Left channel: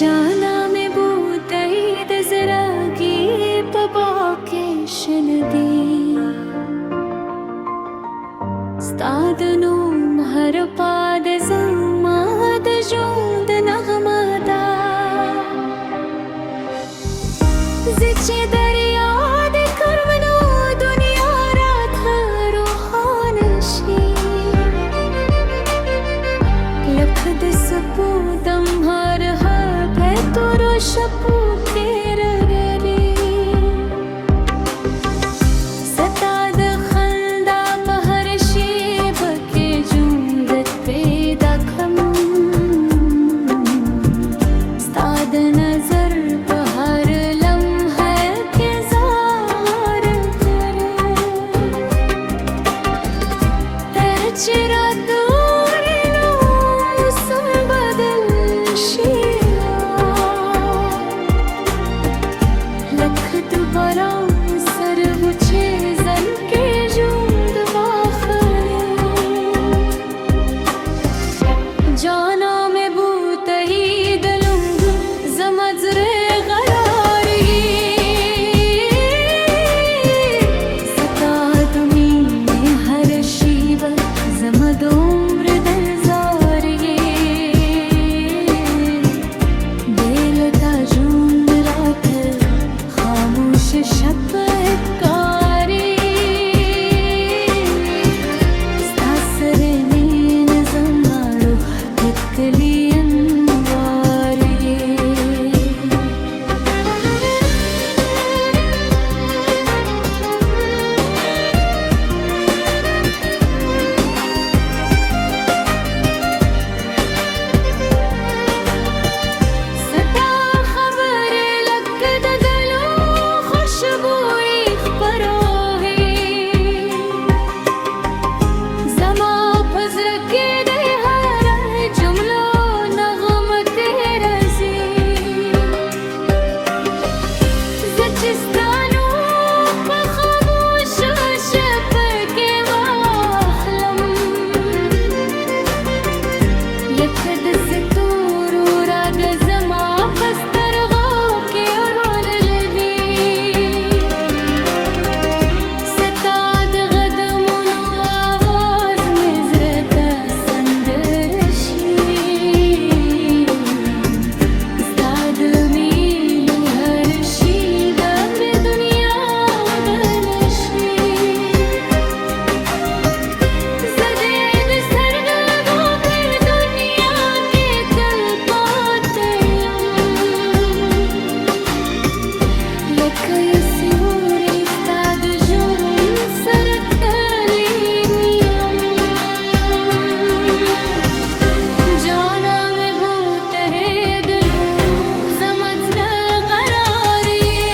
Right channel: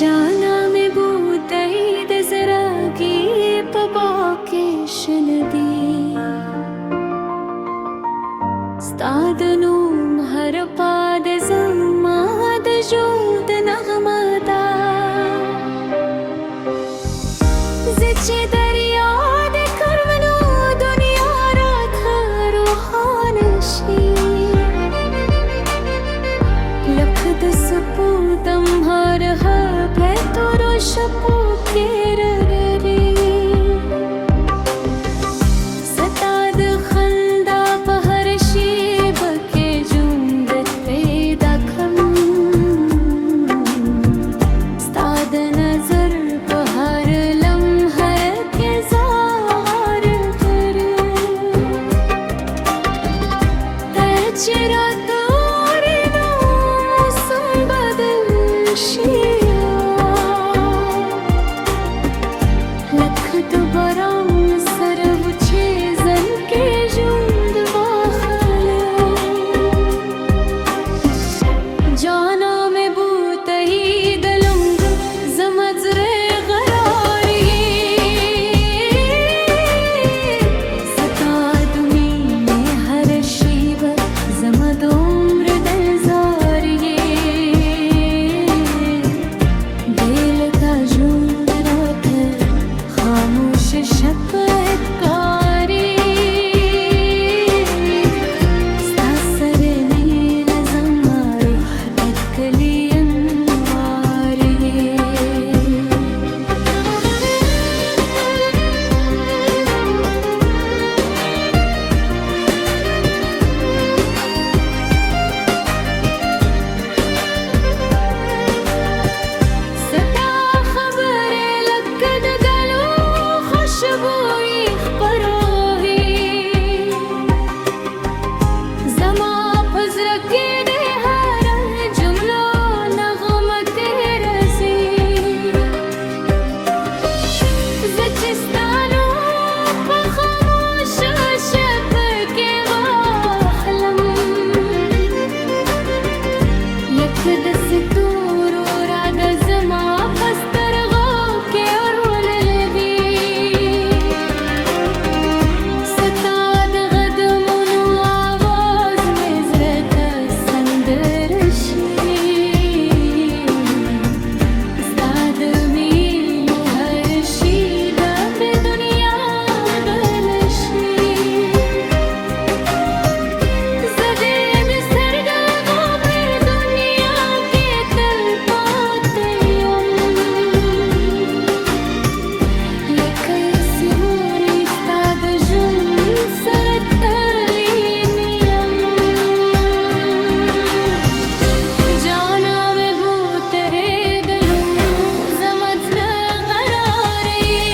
जाना में बूतई दजरागी पबाके शनदी स्तादनु हर पाद जमाद जोद नगमदा जिचे दरिया दे करवनो दुनिया रात रूहानशी लखद सपूदम हर है तुरो शपू केर रे सताद खंदा पहर शीब के जुंदत पैदा खम स्ताद नजर पहर लम्हा के ज़ाहर करे तेरा लखत बरां सरवुचे जन के जुंद वाखले जाना में बूत ही दलुंग जमज रे गरार ये सतादुमी में हर शीब जमद उम्र दलजार ये बेलता जुंद रात खामोश शपथकारी सासरे में नज़मारो तकली अंवार ये सता खबर लकद गलो खुशबुई खबरोही जमा फजर के दे हर जुमलो नगम के रजी जचिस्तानो पखामोश शप के वाखलम लखद सतूरो राग जमा पस्तर गो के और लवी सताद गदमुनु आवाज में जरत संदरशी स्ताद मीलू हर शीब बे दुनिया गलशी जदेद सरगो पर दुनिया के तल पाते लकय सिवरी स्ताद जुन सरतलीनियम जाना में बूत है दलू जमज गरार ये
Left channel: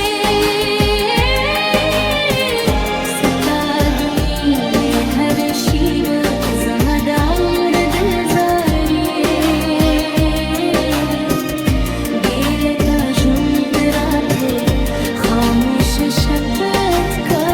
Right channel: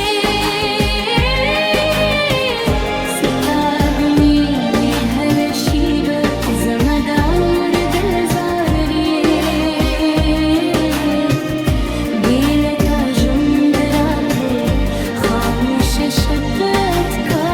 सतादमी में हर शीब जमद उम्र दलजार ये बेलता जुंद रात खामोश शपथ का